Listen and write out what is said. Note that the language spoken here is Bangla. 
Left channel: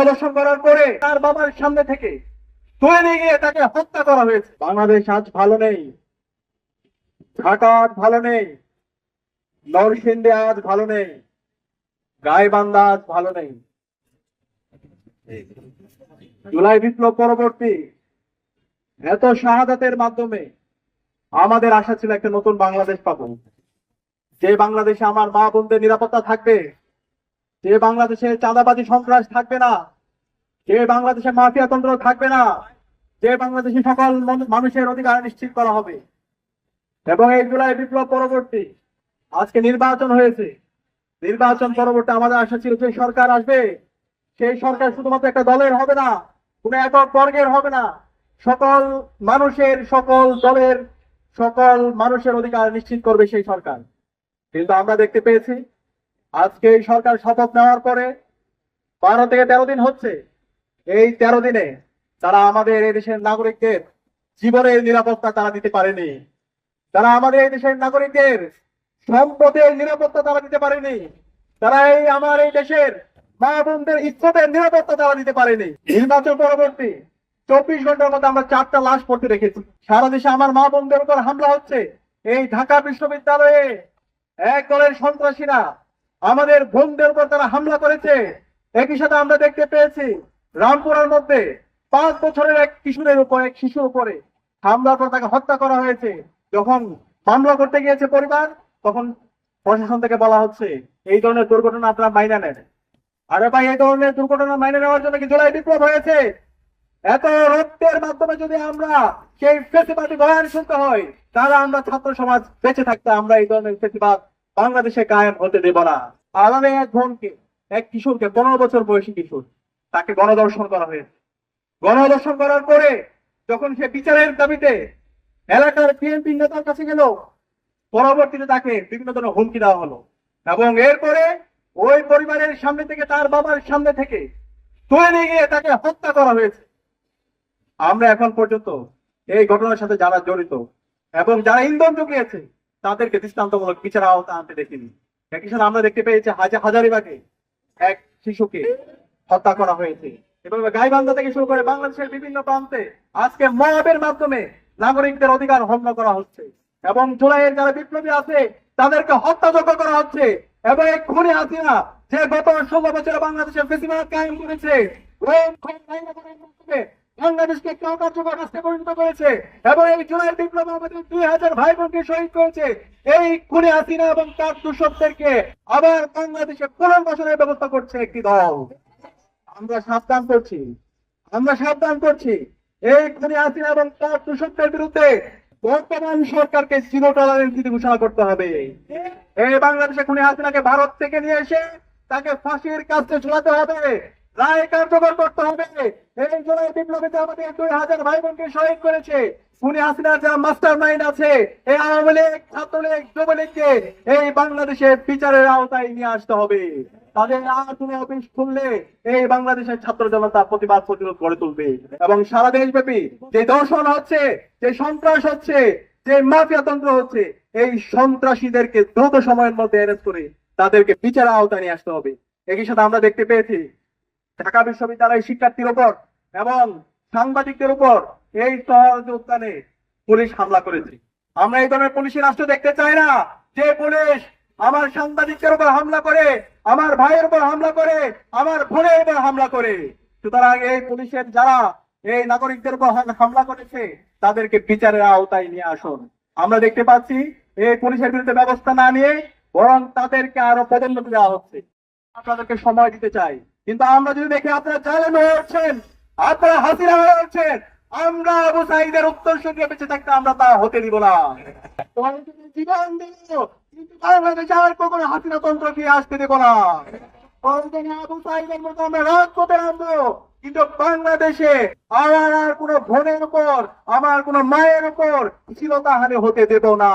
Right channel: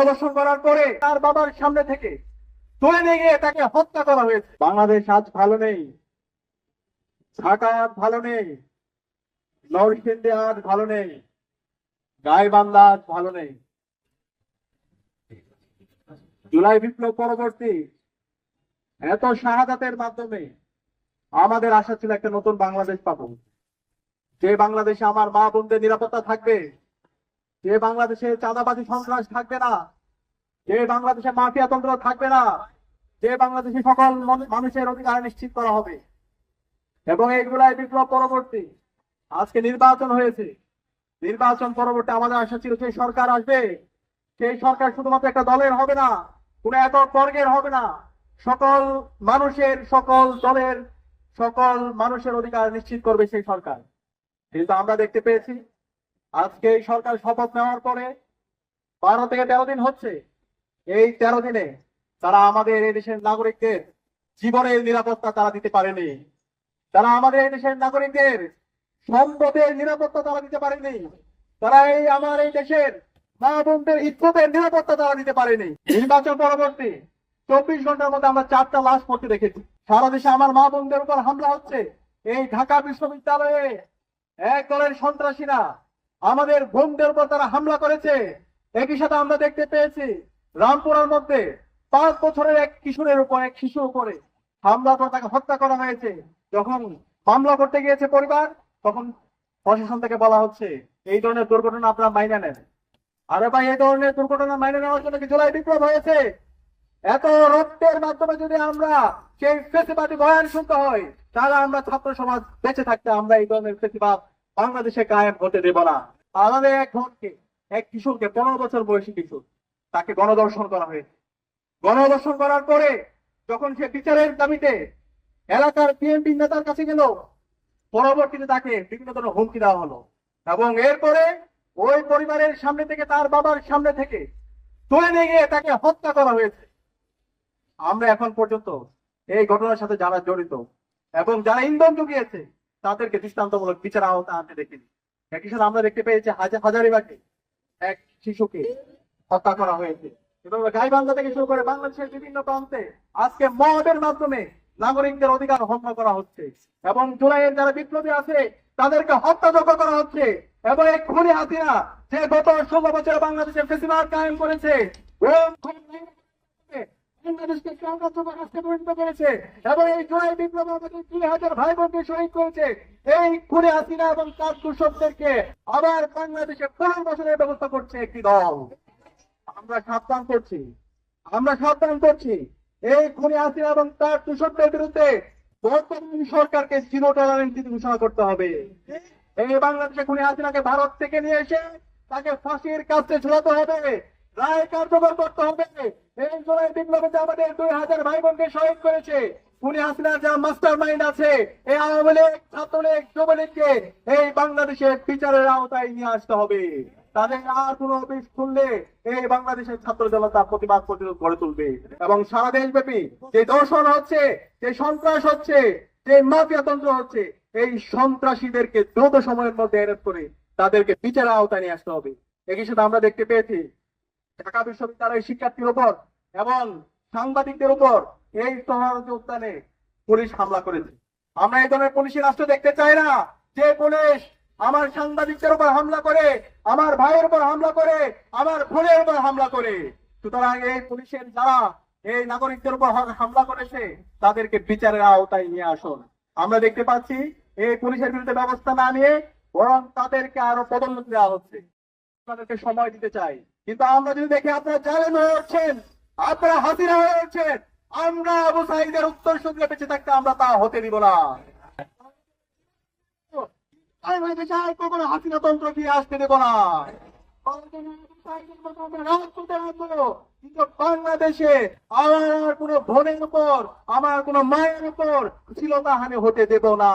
গণধর্ষণ করার পরে তার বাবার সামনে থেকে তুলে নিয়ে গিয়ে তাকে হত্যা করা হয়েছে। বাংলাদেশ আজ ভালো নেই, ঢাকা আজ ভালো নেই, নরসিংদী আজ ভালো নেই, গাইবান্ধা আজ ভালো নেই। জুলাই বিপ্লব পরবর্তী এত শাহাদাতের মাধ্যমে আমাদের আশা ছিল একটা নতুন বাংলাদেশ পাবো, যে বাংলাদেশে আমার মা বোনদের নিরাপত্তা থাকবে, যে বাংলাদেশে চাঁদাবাজি সন্ত্রাস থাকবে না, যে বাংলাদেশে মাফিয়াতন্ত্র থাকবে না, যে বাংলাদেশে সকল মানুষের অধিকার নিশ্চিত করা হবে। এবং এই জুলাই বিপ্লব পরবর্তী আজকে নির্বাচন হয়েছে। নির্বাচন পরবর্তী আমাদের আশা ছিল যে সরকার আসবে, সেই সরকার শুধুমাত্র একটা দলের হবে না, কোন একক বর্গের হবে না, সকল মানুষের, সকল দলের, সকল মানুষের অধিকার নিশ্চিত করবে সেই সরকার। কিন্তু আমরা দেখতে পেয়েছি আজকে এই সরকার শপথ নেওয়ার পরে 12 থেকে 13 দিন হচ্ছে। এই 13 দিনে তারা আমাদের এই দেশের নাগরিকদের জীবনের নিরাপত্তা তারা দিতে পারেনি। তারা আমাদের এই দেশের নাগরিকদের সম্পদের নিরাপত্তা তারা দিতে পারেনি। তারা আমার এই দেশের মা বোনদের ইজ্জতের নিরাপত্তা তারা দিতে পারেনি। নির্বাচন পরবর্তী 24 ঘন্টার মধ্যে আমরা 4টা লাশ পড়তে রেখেছি। সারা দেশে আমার মা বোনদের উপর হামলা হচ্ছে। এই ঢাকা বিশ্ববিদ্যালয়ে এক দলের সন্ত্রাসীরা আমাদের বোনদের উপর তারা হামলা করেছে। একই সাথে আমরা দেখতে পেয়েছি রামপুরের মধ্যে 5 বছরের এক শিশুর উপরে হামলা করে তাকে হত্যা করা হয়েছে। যখন মামলা করতে গিয়েছে পরিবার, তখন প্রশাসন থেকে বলা হচ্ছে এই ধরনের দুর্ঘটনা আপনারা মাইনে নেন। আরে ভাই, এই ধরনের দুর্ঘটনা মাইনে নেওয়ার জন্য কি জুলাই বিপ্লব হয়েছে? এত রক্তের মাধ্যমে যদি আমরা সেই ফেসিবাদী বয়ান শুনতে হয়, তাহলে আমরা ছাত্র সমাজ বেঁচে থাকতে আমরা এই ধরনের ফেসিবাদ বাংলাদেশে কায়েম হতে দেব না। আমাদের এক বোনকে, এক কিশোরকে, 15 বছর বয়সী কিশোর, তাকে গণধর্ষণ করা হয়েছে। গণধর্ষণ করার পরে যখন সে বিচারের দাবিতে এলাকার বিএনপি নেতার কাছে গেল, পরবর্তীতে তাকে বিভিন্ন ধরনের হুমকি দেওয়া হলো এবং এরপরে ওই পরিবারের সামনে থেকে, তার বাবার সামনে থেকে তুলে নিয়ে গিয়ে তাকে হত্যা করা হয়েছে। আমরা এখন পর্যন্ত এই ঘটনার সাথে যারা জড়িত এবং যারা ইন্ধন জুগিয়েছে তাদেরকে দৃষ্টান্তমূলক বিচার আওতা আনতে দেখিনি। একই সাথে আমরা দেখতে পেয়েছি হাজারিবাগে এক শিশুকে হত্যা করা হয়েছে। এভাবে গাইবান্ধা থেকে শুরু করে বাংলাদেশের বিভিন্ন প্রান্তে আজকে মবের মাধ্যমে নাগরিকদের অধিকার হরণ করা হচ্ছে এবং জুলাইয়ের যারা বিপ্লবী আছে তাদেরকে হত্যাযোগ্য করা হচ্ছে। এবং এক খুনি হাসিনা, যে গত 16 বছরে বাংলাদেশের ফেসিবাদ কায়েম করেছে, বাংলাদেশকে কার্যকর রাষ্ট্রে পরিণত করেছে এবং এই জুলাই বিপ্লব আমাদের 2000 ভাই বোনকে শহীদ করেছে। এই খুনি হাসিনা এবং তার দূষকদেরকে আবার বাংলাদেশে পুনর্বাসনের ব্যবস্থা করছে একটি দল। আমরা সাবধান করছি এই খুনি হাসিনা এবং তার দূষকদের বিরুদ্ধে বর্তমান সরকারকে জিরো টলারেন্স নীতি ঘোষণা করতে হবে। এই বাংলাদেশে খুনি হাসিনাকে ভারত থেকে নিয়ে এসে তাকে ফাঁসির কাছে ঝুলাতে হবে, রায় কার্যকর করতে হবে। এই জুলাই বিপ্লবীতে আমাদের 2000 ভাই বোনকে শহীদ করেছে। খুনি হাসিনার যা মাস্টার মাইন্ড আছে, এই আওয়ামী লীগ, ছাত্রলীগ, যুবলীগকে এই বাংলাদেশে বিচারের আওতায় নিয়ে আসতে হবে। তাদের আর কোনো অফিস খুললে এই বাংলাদেশের ছাত্র জনতা প্রতিবাদ প্রতিরোধ গড়ে তুলবে এবং সারা দেশব্যাপী যে দর্শন হচ্ছে, যে সন্ত্রাস হচ্ছে, যে মাফিয়াতন্ত্র হচ্ছে, এই সন্ত্রাসীদেরকে দ্রুত সময়ের মধ্যে অ্যারেস্ট করে তাদেরকে বিচারের আওতায় নিয়ে আসতে হবে। একই সাথে আমরা দেখতে পেয়েছি ঢাকা বিশ্ববিদ্যালয়ের শিক্ষার্থীর উপর এবং সাংবাদিকদের উপর এই শহর উদ্যানে পুলিশ হামলা করেছে। আমরা এই ধরনের পুলিশি রাষ্ট্র দেখতে চাই না, যে পুলিশ আমার সাংবাদিকদের উপর হামলা করে, আমার ভাইয়ের উপর হামলা করে, আমার বোনের উপর হামলা করে। সুতরাং এই পুলিশের যারা এই নাগরিকদের উপর হামলা করেছে তাদেরকে বিচারের আওতায় নিয়ে আসুন। আমরা দেখতে পাচ্ছি এই পুলিশের বিরুদ্ধে ব্যবস্থা না নিয়ে বরং তাদেরকে আরো পদোন্নতি দেওয়া হচ্ছে। আপনাদেরকে সময় দিতে চাই, কিন্তু আমরা যদি দেখি আপনারা জালেম হয়ে উঠছেন, আপনারা হাসিনা হয়ে উঠছেন, আমরা আবু সাঈদের উত্তর সঙ্গে বেঁচে থাকতে আমরা তা হতে দিব না। জীবন দিব, কিন্তু বাংলাদেশে আর কখনো হাসিনা তন্ত্র ফিরে আসতে দেব না। আবু সাঈদের মতো আমরা রাজপথে নামবো, কিন্তু বাংলাদেশে আমার আর কোনো বোনের উপর, আমার কোনো মায়ের উপর ছিল তাহারে হতে দেব না।